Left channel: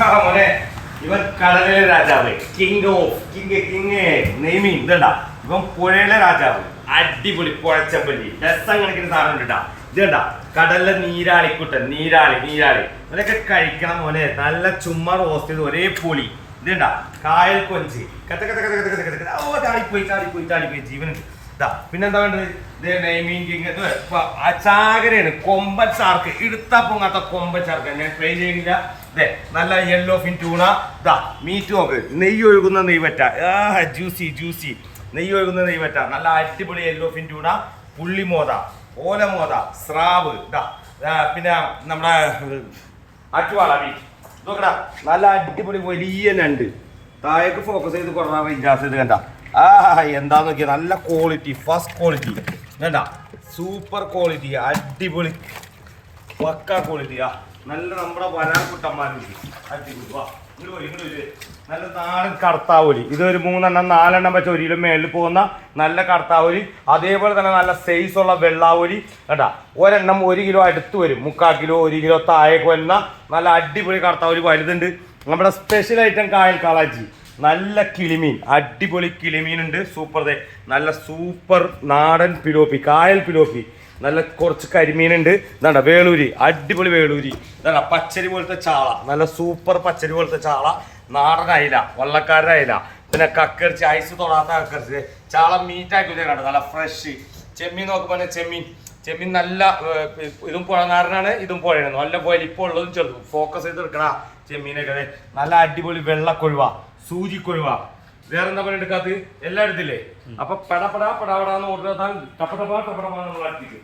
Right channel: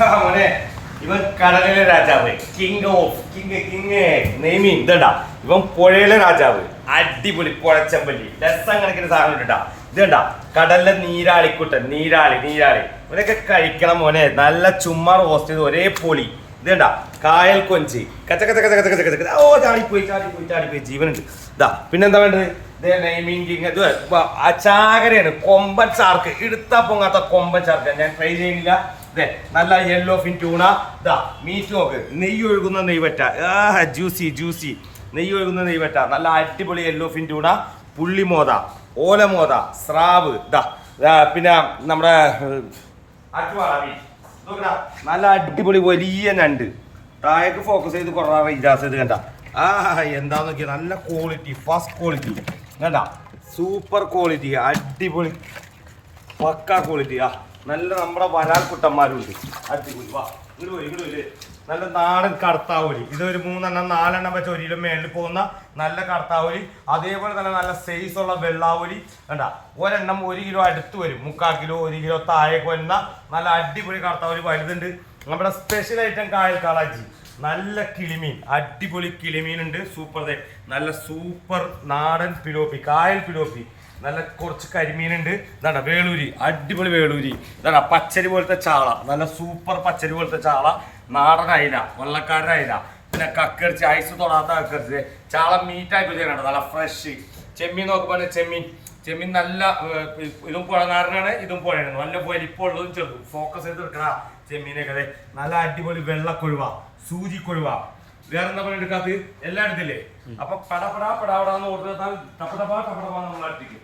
മോനെ ഇവൻ കടലിലെ രാജാവ്, കിങ് നെയ്മീൻ ഇതടാ. ഇവൻ പുഴയിലെ രാജാവ്, അടിപൊളി പുഴച്ചമ്പല്ലി, രസം കണക്കിന് സാധനം ഇട്ടാ. ഇതണ്ടാ കടലിലെ നീരാളി. ഇവരൊക്കെ കഴിക്കണം മോനെ. നല്ല ചുമ്മാ റോസ്റ്റ് ചെയ്ത് ഒരേ പൊളി. ഇതേണ്ട കായൽ കൊഞ്ച് കച്ച. ഓ ചാടിപ്പോയി ജീവനുണ്ട്. ഇതാ പിന്നെന്താ വേണ്ടത്? നെയ്മീൻ കിങ് ചാകരയാണ്. കൊമ്പൻ ചാർക്ക്, എടുത്താ പൊങ്ങാത്ത കൊമ്പൻ ചാർക്ക്. ഞാൻ ട്രൈ ചെയ്യണില്ല. ഇതേ നല്ല യെല്ലോ ഫിൻ ട്യൂണ. ഇതാ മീറ്റ് നോക്ക്, നെയ്യ് ഒഴുകുന്ന നെയ്വറ്റ. ജ്യൂസി നെയ്യ് ഒഴുകുന്ന നെയ്വറ്റ. നല്ല അടിപൊളി യെല്ലോ ഫിൻ ട്യൂണ, പുള്ളിമോത, ഓലമോത, സ്രാവ്. ഇതാ പിന്നെ നമ്മുടെ അറ്റുവാള മീറ്റ്. നോക്കടാ നല്ല അടിപൊളി വലിയ ഞണ്ട്. താഴേക്ക് ഫോക്കസ് ചെയ്ത് കുറേ ഇജാസ് ചെയ്ത് കണ്ട. എന്താന്ന് നോക്കിയാൽ നല്ല ക്വാളിറ്റി, ഫസ്റ്റ് ക്വാളിറ്റി കണ്ട, സൂപ്പർ ക്വാളിറ്റി, അടിപൊളി പക്ക ക്വാളിറ്റി. നല്ല നമ്മുടെ വരാൽ കുട്ടന്മാരുണ്ട്, അടിപൊളി. വാ ഇങ്ങോട്ട് വരും. നല്ല നാടൻ കടത്താവൂലി. ഇതൊരു 3-4 വെച്ച് 1 കിലോ മേളിൽ പോകുന്ന നല്ല കടത്താവൂലി. അതേപോലെ തന്നെ നല്ല സൈസുള്ള വെള്ളാവൂലി കണ്ട. ഒരെണ്ണം 1 കിലോ അടുത്ത് വരും, 3/4 കിലോ 1 കിലോ താഴേക്ക് വരുന്ന നല്ല അടിപൊളി കടത്താവൂലി വലുതുണ്ട്. നമ്മുടെ സ്പെഷ്യൽ ഐറ്റം കായൽ കാളാച്ചി, നല്ല കിളിമീൻ, അടിപൊളി കിളിമീനുണ്ട്. സൂപ്പർ നല്ല സൂപ്പർ നാടൻ പിലോപ്പി, കായൽ പിലോപ്പി. നല്ല കുറച്ച് കരിമീനുണ്ട്. ഇതാണ്ട വേളൂരി, അടിപൊളി വേളൂരി. ഇതാണ്ട പച്ചരി പോലത്തെ ചാള, നല്ല സൂപ്പർ പച്ചരി പോലത്തെ ചാള. നാടൻ അയില, വള്ളക്കാരുടെ അയില. പിന്നെ കക്കറിച്ച്, ഐസ് തൊടാത്ത കക്കറിച്ച്. ചാള മീറ്റാക്കി വെച്ചിട്ടുണ്ട്, നല്ല ഫ്രഷ്. ചെമ്മീൻ നോക്കുമ്പോൾ ചെമ്മീൻ നല്ല ഇതും പുഴനാരനാണ്, ഇതും പുഴയാണ്. നല്ല വലിപ്പമുള്ളതും ചെറുതും. ഫോക്കസ് ചെയ്ത് എടുക്കണ ചെമ്മീനൊക്കെ. നല്ല അടിപൊളി വെള്ളക്കൊഴുവ, സൂചിക്കൊഴുവ. വേറെന്താ പോലെ എടുക്കാത്ത എല്ലാം എടുത്തില്ലേ? അപ്പൊ പടപടാന്ന് ഓർഡർ ടപ്പടപ്പാ നമ്മൾ അടുത്തേക്ക്